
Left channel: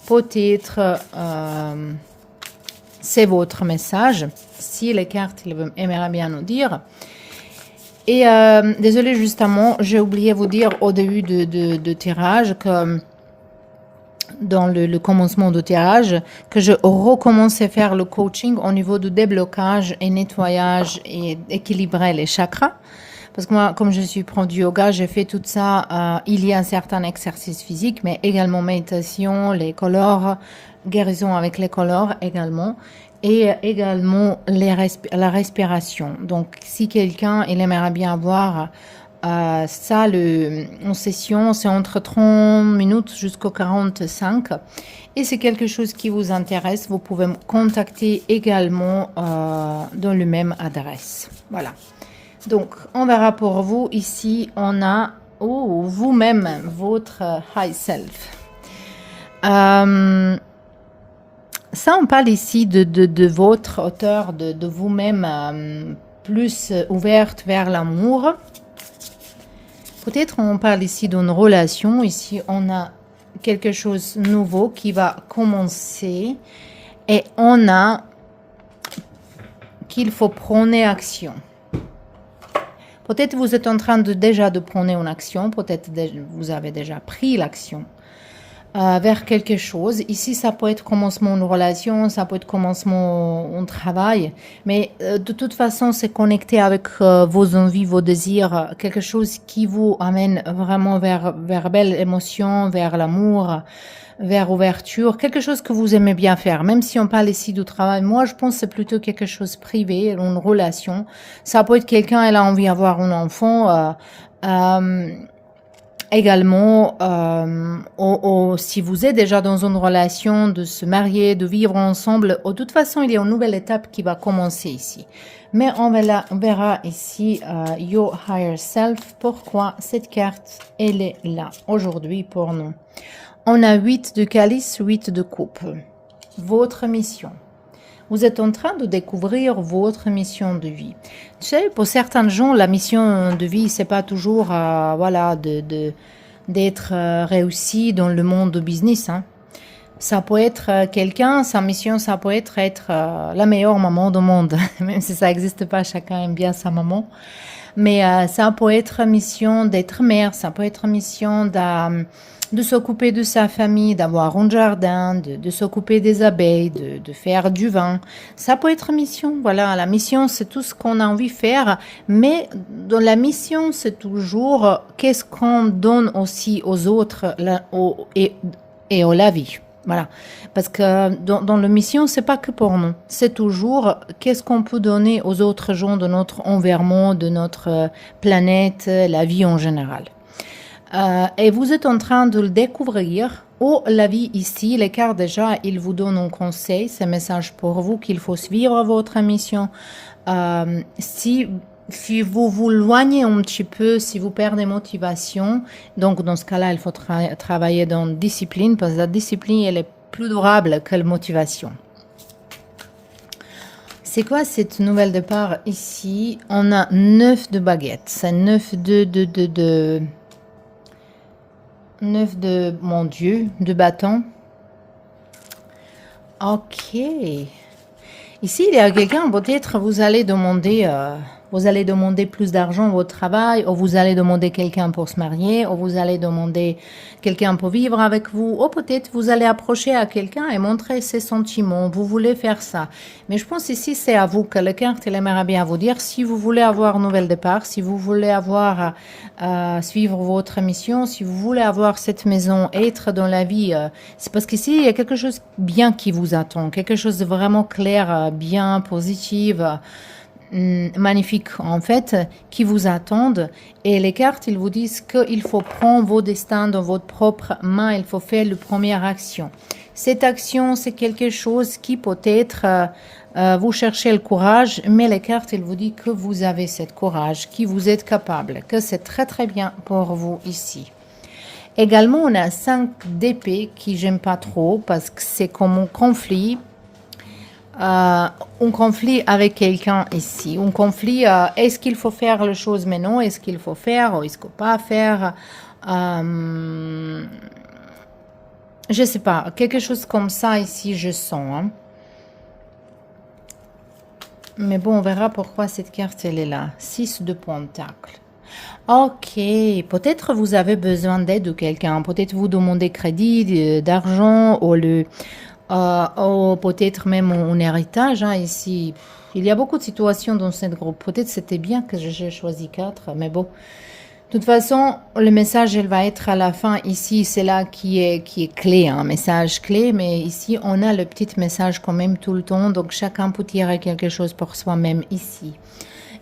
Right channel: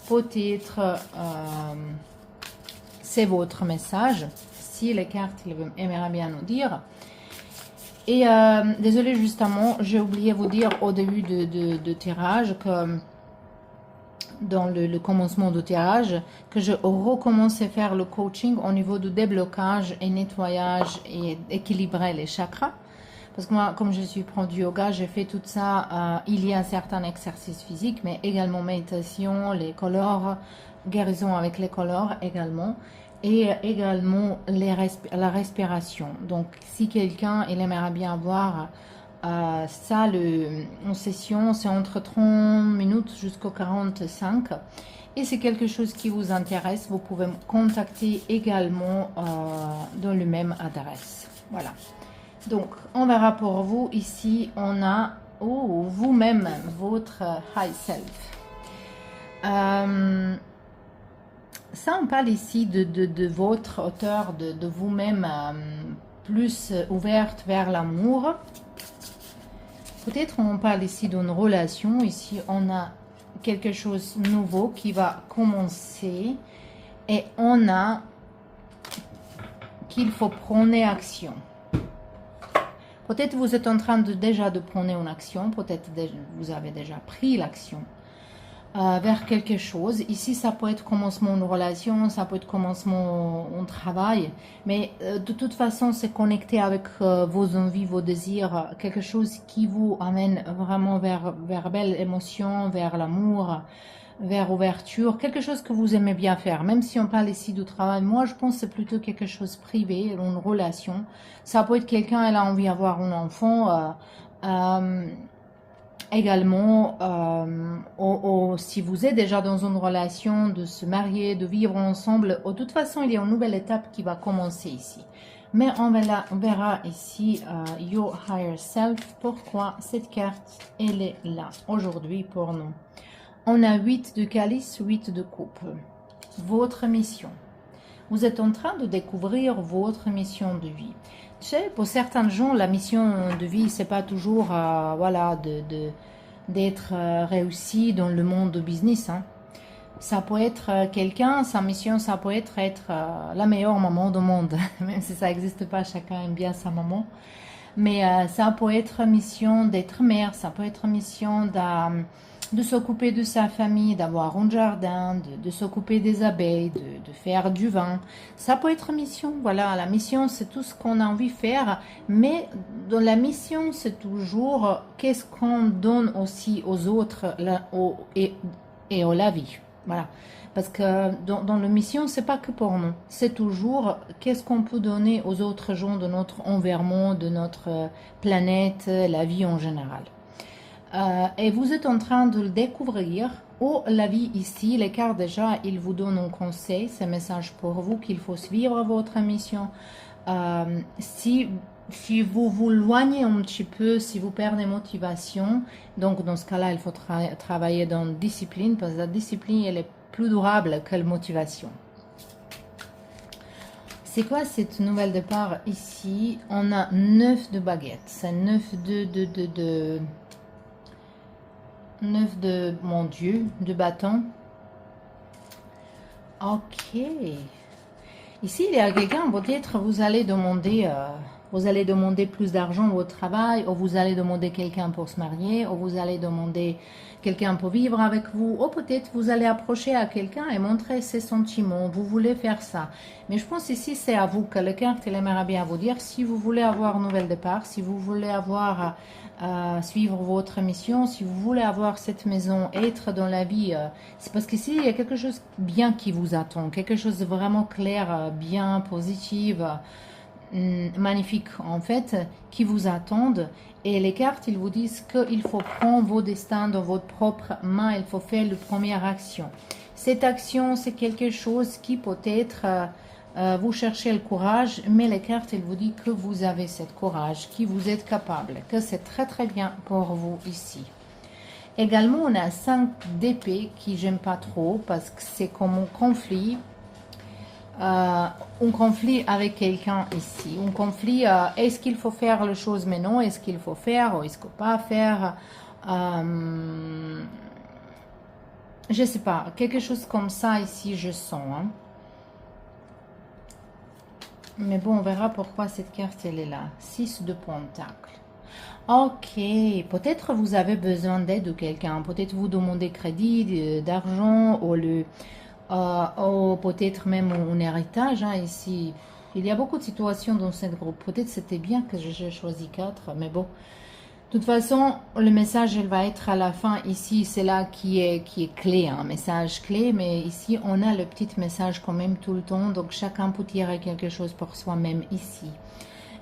peut-être c'est votre message. Si les cartes aimeraient bien nous dire. Et désolé justement, j'ai oublié de vous dire au début de tirage que dans le commencement de tirage, que je recommence à faire le coaching au niveau du déblocage et nettoyage et équilibrer les chakras. Parce que moi, comme je suis prof du yoga, j'ai fait tout ça. Il y a certains exercices physiques, mais également méditation, les colores, guérison avec les colores également. Et également la respiration. Donc, si quelqu'un il aimerait bien avoir ça, en session, c'est entre 30 minutes jusqu'à 45. Et c'est quelque chose qui vous intéresse, vous pouvez me contacter également dans le même adresse. Voilà. Donc, on verra pour vous. Ici, on a vous-même, votre high self. Ça, on parle ici de votre hauteur, de vous-même plus ouverte vers l'amour. Peut-être on parle ici d'une relation. Ici, on a quelque chose de nouveau qui va commencer. Et on a qu'il faut prendre action. Peut-être vous êtes en train déjà de prendre une action. Peut-être vous avez déjà pris l'action vers quelque chose. Ici, ça peut être commencement de relation, ça peut être commencement de travail, mais de toute façon, c'est connecté avec vos envies, vos désirs, quelque chose qui vous amène vraiment vers belles émotions, vers l'amour, vers ouverture, quelque chose que vous aimez bien faire. Même si on parle ici du travail, moi, je pense que c'est plutôt quelque chose privé, une relation. Ça peut être quelqu'un, elle a envie d'avoir un enfant, également, si vous êtes déjà dans une relation, de se marier, de vivre ensemble, de toute façon, il y a une nouvelle étape qui va commencer ici. Mais on verra ici Your Higher Self, pourquoi cette carte, elle est là aujourd'hui pour nous. On a 8 de calice, 8 de coupe. Votre mission. Vous êtes en train de découvrir votre mission de vie. Tu sais, pour certains gens, la mission de vie, c'est pas toujours voilà, d'être réussi dans le monde du business. Hein. Ça peut être quelqu'un, sa mission, ça peut être la meilleure maman du monde. Même si ça n'existe pas, chacun aime bien sa maman. Mais ça peut être mission d'être mère, ça peut être mission de s'occuper de sa famille, d'avoir un jardin, de s'occuper des abeilles, de faire du vin. Ça peut être mission. Voilà, la mission, c'est tout ce qu'on a envie de faire. Mais dans la mission, c'est toujours qu'est-ce qu'on donne aussi aux autres et à la vie. Voilà. Parce que dans la mission, c'est pas que pour nous. C'est toujours qu'est-ce qu'on peut donner aux autres gens de notre environnement, de notre planète, la vie en général. Et vous êtes en train de le découvrir. La vie ici, les cartes déjà, ils vous donnent un conseil, c'est un message pour vous qu'il faut suivre votre mission. Si si vous vous loignez un petit peu, si vous perdez motivation, donc dans ce cas-là, il faut travailler dans la discipline, parce que la discipline, elle est plus durable que la motivation. C'est quoi cette nouvelle départ ici? On a 9 de baguettes. C'est 9 9 de, mon Dieu, de bâtons. Ok. Ici, il y a quelqu'un, peut-être vous allez demander plus d'argent au travail, ou vous allez demander quelqu'un pour se marier, ou vous allez demander quelqu'un pour vivre avec vous, ou peut-être vous allez approcher à quelqu'un et montrer ses sentiments, vous voulez faire ça. Mais je pense ici, c'est à vous que le carte, il aimerait bien vous dire, si vous voulez avoir un nouvel départ, si vous voulez avoir, suivre votre mission, si vous voulez avoir cette maison, être dans la vie, c'est parce qu'ici, il y a quelque chose de bien qui vous attend, quelque chose de vraiment clair, bien, positif, magnifique en fait, qui vous attendent. Et les cartes, ils vous disent qu'il faut prendre vos destins dans votre propre main, il faut faire la première action. Cette action, c'est quelque chose qui peut-être, vous cherchez le courage, mais les cartes, ils vous disent que vous avez ce courage, que vous êtes capable, que c'est très très bien pour vous ici. Également, on a 5 d'épée qui j'aime pas trop parce que c'est comme un conflit. Un conflit avec quelqu'un ici. Un conflit, est-ce qu'il faut faire les choses maintenant? Est-ce qu'il faut faire ou est-ce qu'il ne faut pas faire? Je sais pas. Quelque chose comme ça ici, je sens. Hein. Mais bon, on verra pourquoi cette carte, elle est là. 6 de pentacles. Ok, peut-être vous avez besoin d'aide de quelqu'un. Peut-être vous demandez crédit, d'argent ou peut-être même un héritage. Hein, ici, il y a beaucoup de situations dans ce groupe. Peut-être c'était bien que j'ai choisi 4, mais bon. De toute façon, le message, il va être à la fin. Ici, c'est là qui est clé, un message clé. Mais ici, on a le petit message quand même tout le temps. Donc, chacun peut tirer quelque chose pour soi-même ici.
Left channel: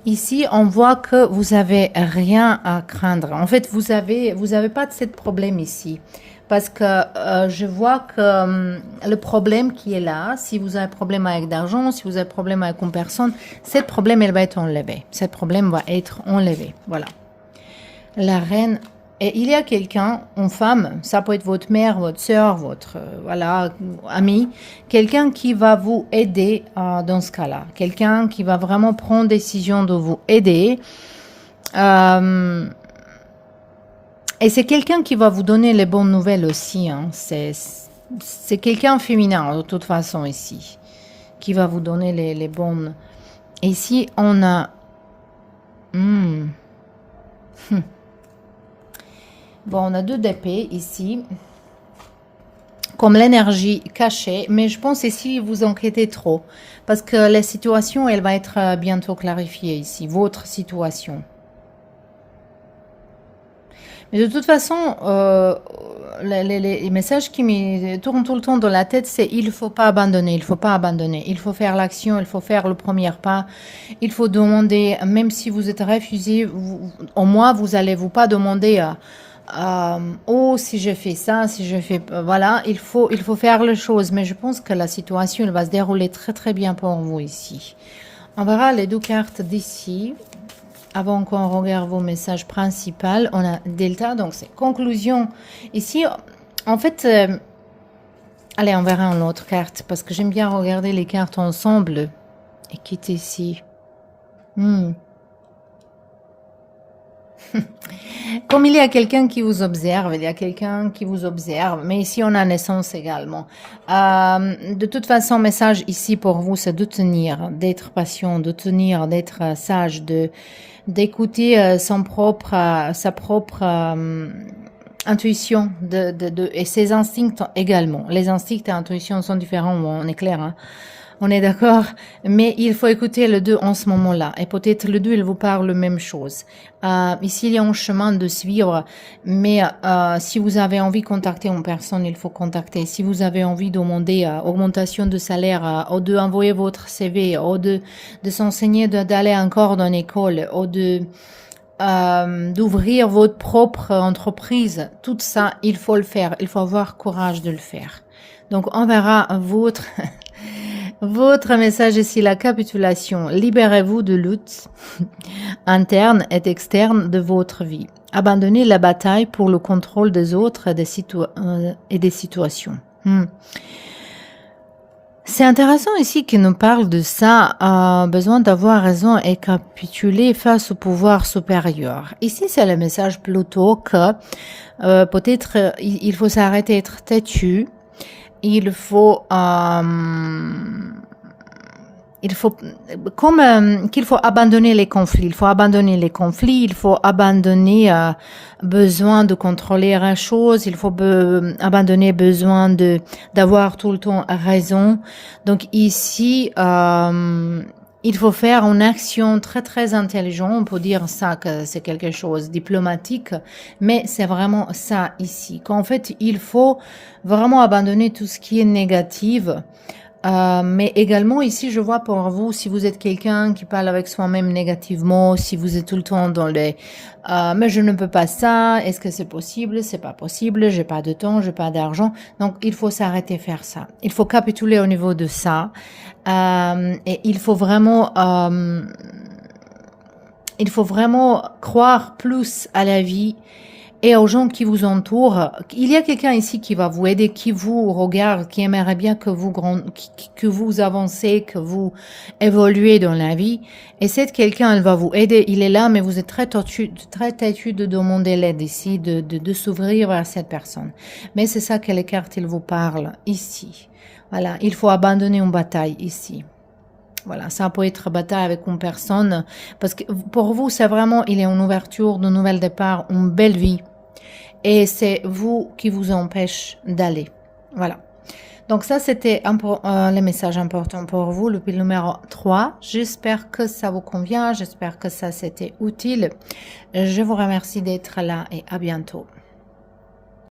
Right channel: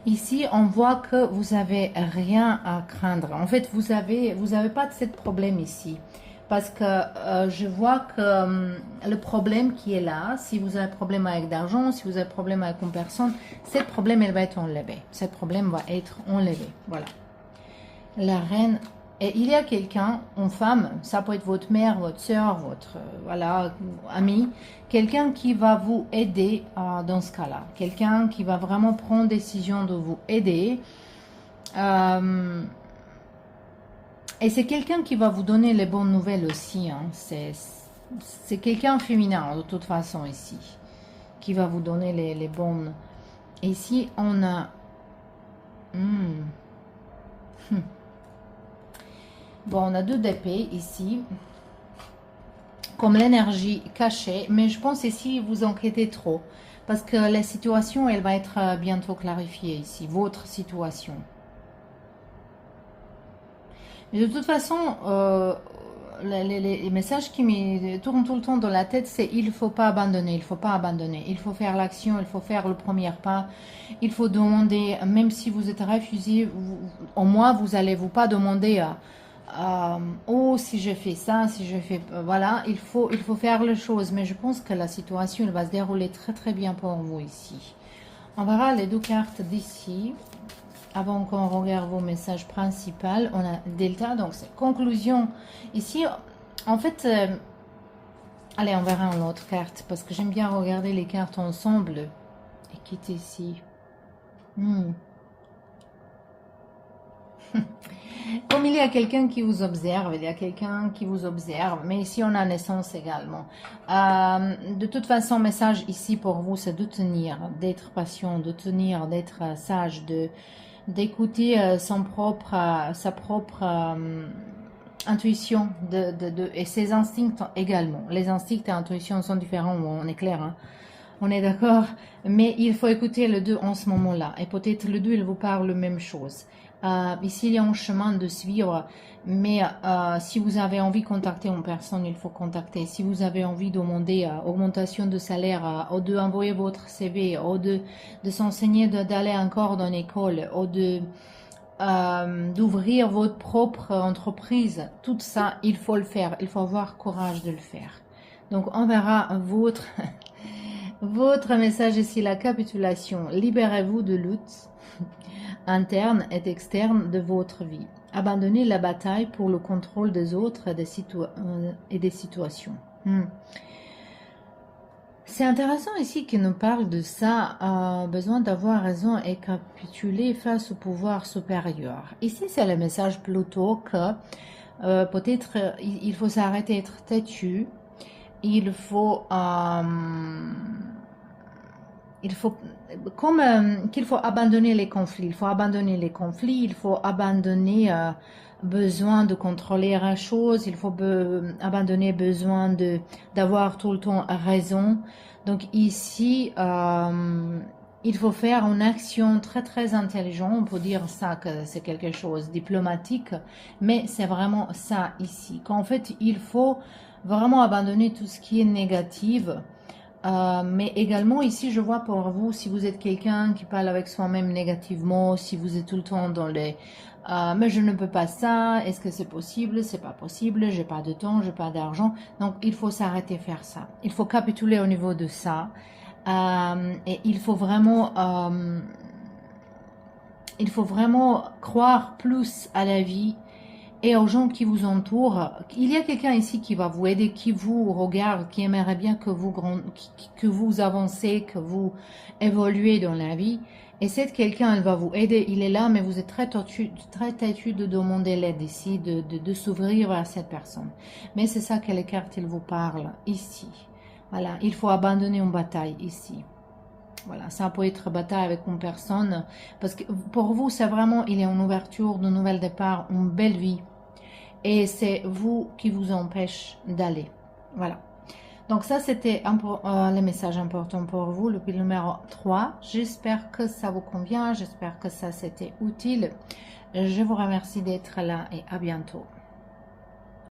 Ici, on voit que vous avez rien à craindre. En fait, vous avez pas de ce problème ici. Parce que je vois que le problème qui est là, si vous avez un problème avec d'argent, si vous avez un problème avec une personne, ce problème, elle va être enlevé. Ce problème va être enlevé. Voilà. La reine, et il y a quelqu'un, une femme, ça peut être votre mère, votre soeur, votre voilà, ami, quelqu'un qui va vous aider dans ce cas-là. Quelqu'un qui va vraiment prendre décision de vous aider. Et c'est quelqu'un qui va vous donner les bonnes nouvelles aussi. Hein. C'est quelqu'un féminin, de toute façon, ici, qui va vous donner les bonnes. Et ici, on a... Bon, on a 2 d'épée ici, comme l'énergie cachée, mais je pense ici, vous inquiétez trop, parce que la situation, elle va être bientôt clarifiée ici, votre situation. Mais de toute façon, les messages qui me tournent tout le temps dans la tête, c'est il ne faut pas abandonner, il ne faut pas abandonner. Il faut faire l'action, il faut faire le premier pas. Il faut demander, même si vous êtes refusé, au moins vous n'allez vous pas demander oh, si je fais ça, si je fais... Voilà, il faut faire les choses. Mais je pense que la situation, elle va se dérouler très très bien pour vous ici. On verra les 2 cartes d'ici. Avant qu'on regarde vos messages principaux, on a Delta, donc c'est conclusion. Ici, en fait, allez, on verra une autre carte, parce que j'aime bien regarder les cartes ensemble. Et qui est ici? Comme il y a quelqu'un qui vous observe, il y a quelqu'un qui vous observe, mais ici on a naissance également. De toute façon, message ici pour vous, c'est de tenir, d'être patient, de tenir, d'être sage, d'écouter sa propre intuition et ses instincts également. Les instincts et intuitions sont différents, on est clair, hein. On est d'accord, mais il faut écouter le 2 en ce moment-là. Et peut-être le 2, il vous parle la même chose. Ici, il y a un chemin de suivre, mais si vous avez envie de contacter une personne, il faut contacter. Si vous avez envie de demander augmentation de salaire, ou d'envoyer votre CV, ou de s'enseigner, d'aller encore dans l'école, ou d'ouvrir votre propre entreprise, tout ça, il faut le faire. Il faut avoir courage de le faire. Donc, on verra votre... Votre message ici, la capitulation. Libérez-vous de luttes internes et externes de votre vie. Abandonnez la bataille pour le contrôle des autres et des situations. C'est intéressant ici qu'il nous parle de ça, besoin d'avoir raison et capituler face au pouvoir supérieur. Ici, c'est le message plutôt que peut-être il faut s'arrêter d'être têtu, il faut qu'il faut abandonner les conflits. Il faut abandonner les conflits, il faut abandonner besoin de contrôler une chose, il faut abandonner besoin d'avoir tout le temps raison. Donc ici, il faut faire une action très très intelligente. On peut dire ça que c'est quelque chose de diplomatique, mais c'est vraiment ça ici. Qu'en fait, il faut vraiment abandonner tout ce qui est négatif. Mais également ici, je vois pour vous, si vous êtes quelqu'un qui parle avec soi-même négativement, si vous êtes tout le temps dans les mais je ne peux pas ça, est-ce que c'est possible, c'est pas possible, j'ai pas de temps, j'ai pas d'argent. Donc il faut s'arrêter de faire ça. Il faut capituler au niveau de ça. Et il faut vraiment croire plus à la vie et aux gens qui vous entourent. Il y a quelqu'un ici qui va vous aider, qui vous regarde, qui aimerait bien que vous avancez, que vous évoluez dans la vie. Et cette quelqu'un, elle va vous aider. Il est là, mais vous êtes très têtu de demander l'aide ici, de s'ouvrir à cette personne. Mais c'est ça que les cartes, ils vous parlent ici. Voilà, il faut abandonner une bataille ici. Voilà, ça peut être bataille avec une personne. Parce que pour vous, c'est vraiment, il y a une ouverture, de nouvel départ, une belle vie. Et c'est vous qui vous empêche d'aller. Voilà. Donc ça, c'était les messages importants pour vous, le pile numéro 3. J'espère que ça vous convient. J'espère que ça, c'était utile. Je vous remercie d'être là et à bientôt.